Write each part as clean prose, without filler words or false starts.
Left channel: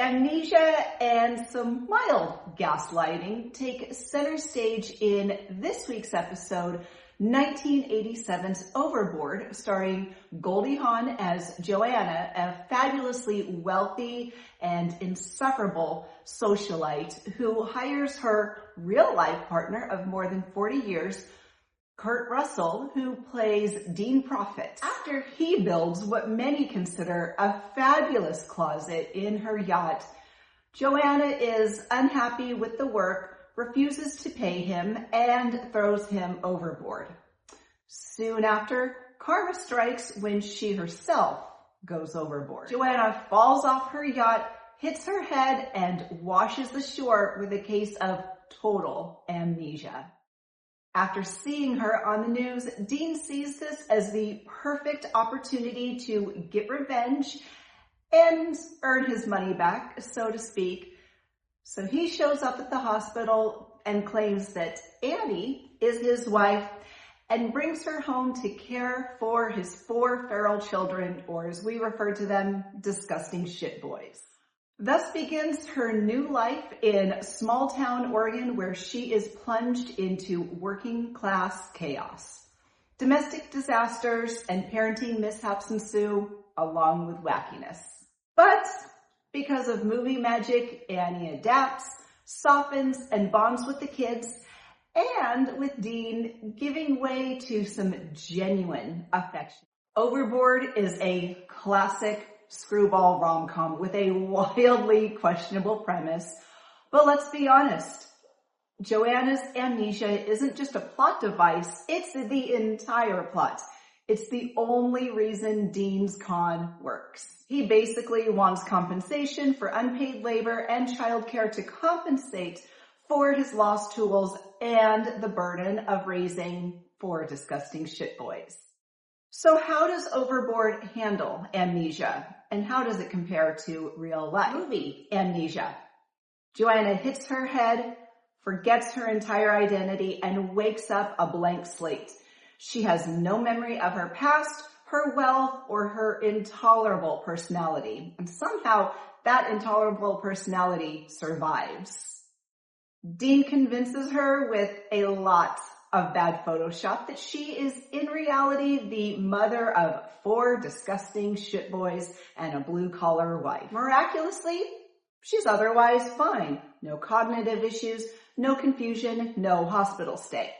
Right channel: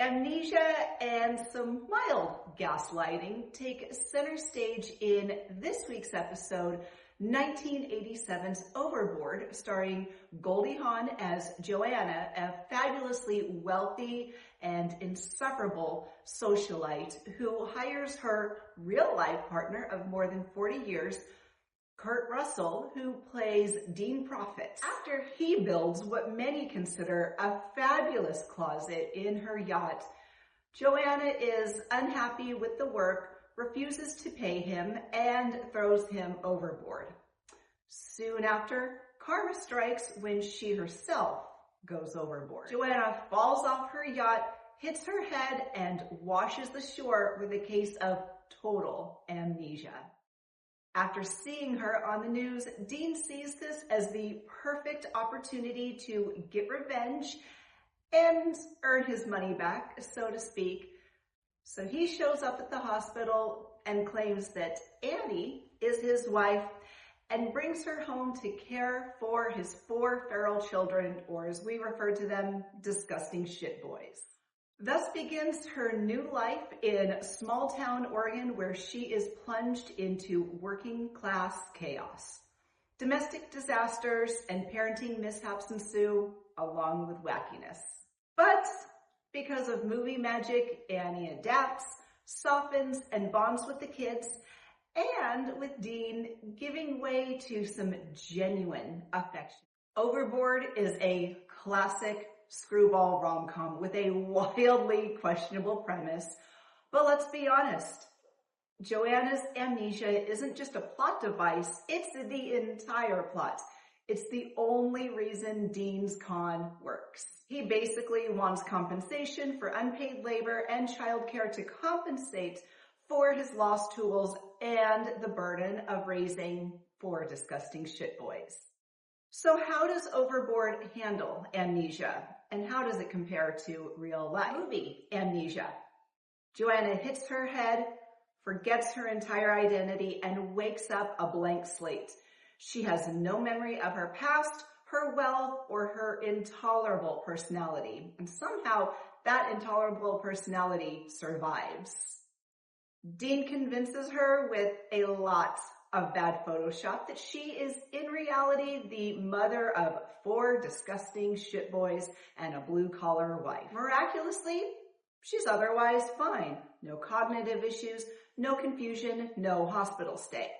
Amnesia and some mild gaslighting take center stage in this week's episode, 1987's Overboard, starring Goldie Hawn as Joanna, a fabulously wealthy and insufferable socialite who hires her real-life partner of more than 40 years, Kurt Russell, who plays Dean Prophet, after he builds what many consider a fabulous closet in her yacht. Joanna is unhappy with the work, refuses to pay him, and throws him overboard. Soon after, karma strikes when she herself goes overboard. Joanna falls off her yacht, hits her head, and washes the shore with a case of total amnesia. After seeing her on the news, Dean sees this as the perfect opportunity to get revenge and earn his money back, so to speak. So he shows up at the hospital and claims that Annie is his wife and brings her home to care for his 4 feral children, or as we refer to them, disgusting shit boys. Thus begins her new life in small-town Oregon, where she is plunged into working-class chaos. Domestic disasters and parenting mishaps ensue, along with wackiness. But because of movie magic, Annie adapts, softens, and bonds with the kids, and with Dean giving way to some genuine affection. Overboard is a classic screwball rom-com with a wildly questionable premise, but let's be honest, Joanna's amnesia isn't just a plot device, it's the entire plot. It's the only reason Dean's con works. He basically wants compensation for unpaid labor and childcare to compensate for his lost tools and the burden of raising 4 disgusting shit boys. So how does Overboard handle amnesia? And how does it compare to real life? Movie Amnesia. Joanna hits her head, forgets her entire identity, and wakes up a blank slate. She has no memory of her past, her wealth, or her intolerable personality. And somehow that intolerable personality survives. Dean convinces her with a lot of bad Photoshop that she is in reality the mother of 4 disgusting shitboys and a blue-collar wife. Miraculously, she's otherwise fine. No cognitive issues, no confusion, no hospital stay.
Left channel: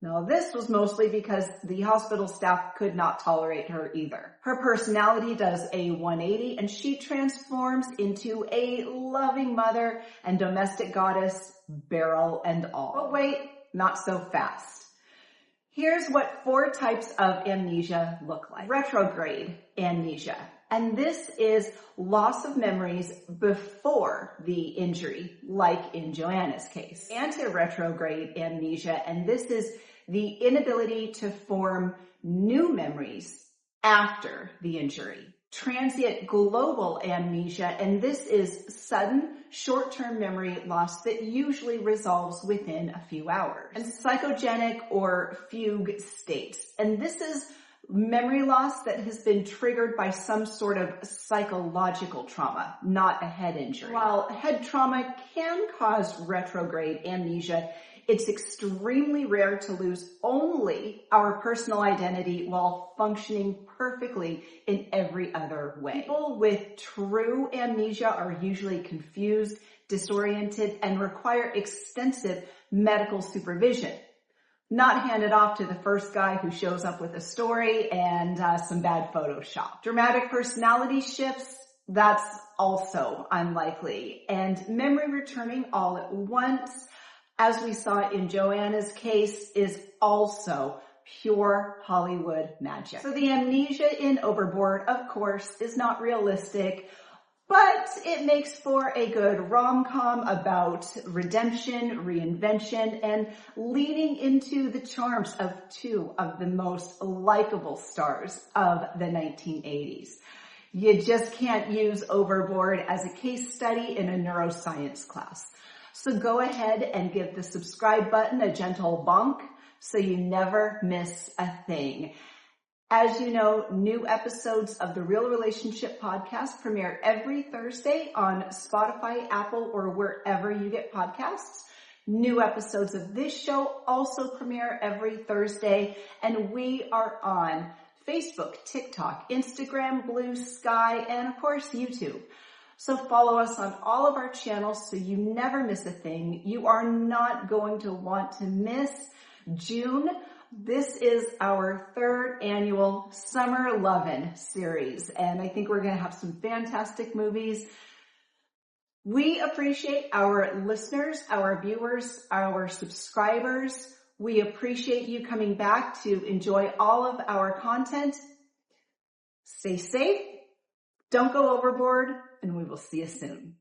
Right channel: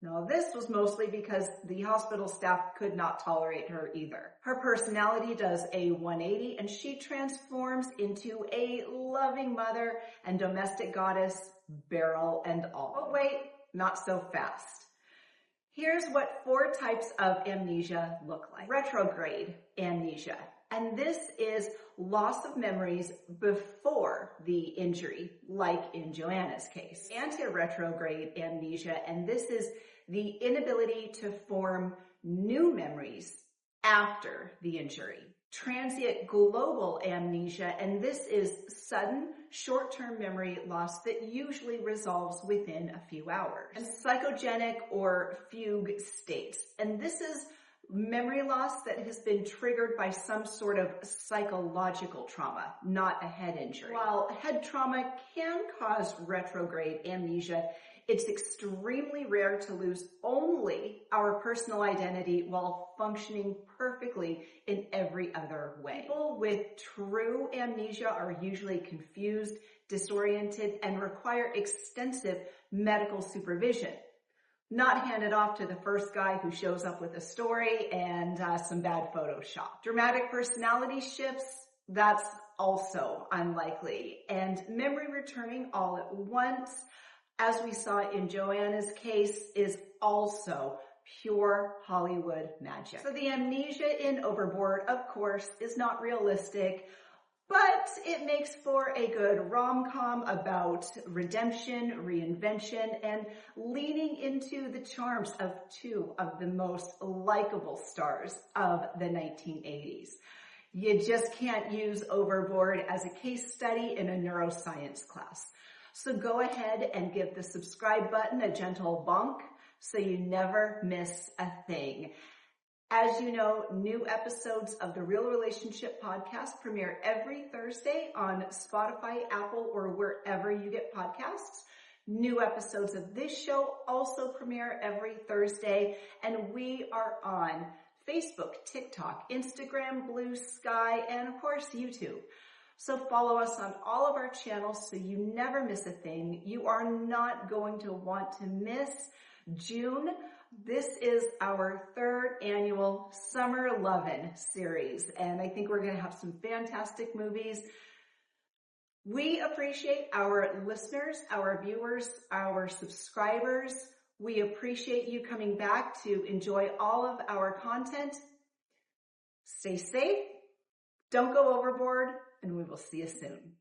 Now, this was mostly because the hospital staff could not tolerate her either. Her personality does a 180 and she transforms into a loving mother and domestic goddess, barrel and all. But wait, not so fast. Here's what 4 types of amnesia look like. Retrograde amnesia. And this is loss of memories before the injury, like in Joanna's case. Anti-retrograde amnesia, and this is the inability to form new memories after the injury. Transient global amnesia, and this is sudden short-term memory loss that usually resolves within a few hours. And psychogenic or fugue states, and this is memory loss that has been triggered by some sort of psychological trauma, not a head injury. While head trauma can cause retrograde amnesia, it's extremely rare to lose only our personal identity while functioning perfectly in every other way. People with true amnesia are usually confused, disoriented, and require extensive medical supervision. Not handed off to the first guy who shows up with a story and some bad Photoshop. Dramatic personality shifts, that's also unlikely. And memory returning all at once, as we saw in Joanna's case, is also pure Hollywood magic. So the amnesia in Overboard, of course, is not realistic, but it makes for a good rom-com about redemption, reinvention, and leaning into the charms of 2 of the most likable stars of the 1980s. You just can't use Overboard as a case study in a neuroscience class. So go ahead and give the subscribe button a gentle bonk so you never miss a thing. As you know, new episodes of the Real Relationship Podcast premiere every Thursday on Spotify, Apple, or wherever you get podcasts. New episodes of this show also premiere every Thursday, and we are on Facebook, TikTok, Instagram, Blue Sky, and of course, YouTube. So follow us on all of our channels so you never miss a thing. You are not going to want to miss June. This is our 3rd annual Summer Lovin' series, and I think we're going to have some fantastic movies. We appreciate our listeners, our viewers, our subscribers. We appreciate you coming back to enjoy all of our content. Stay safe, don't go overboard, and we will see you soon.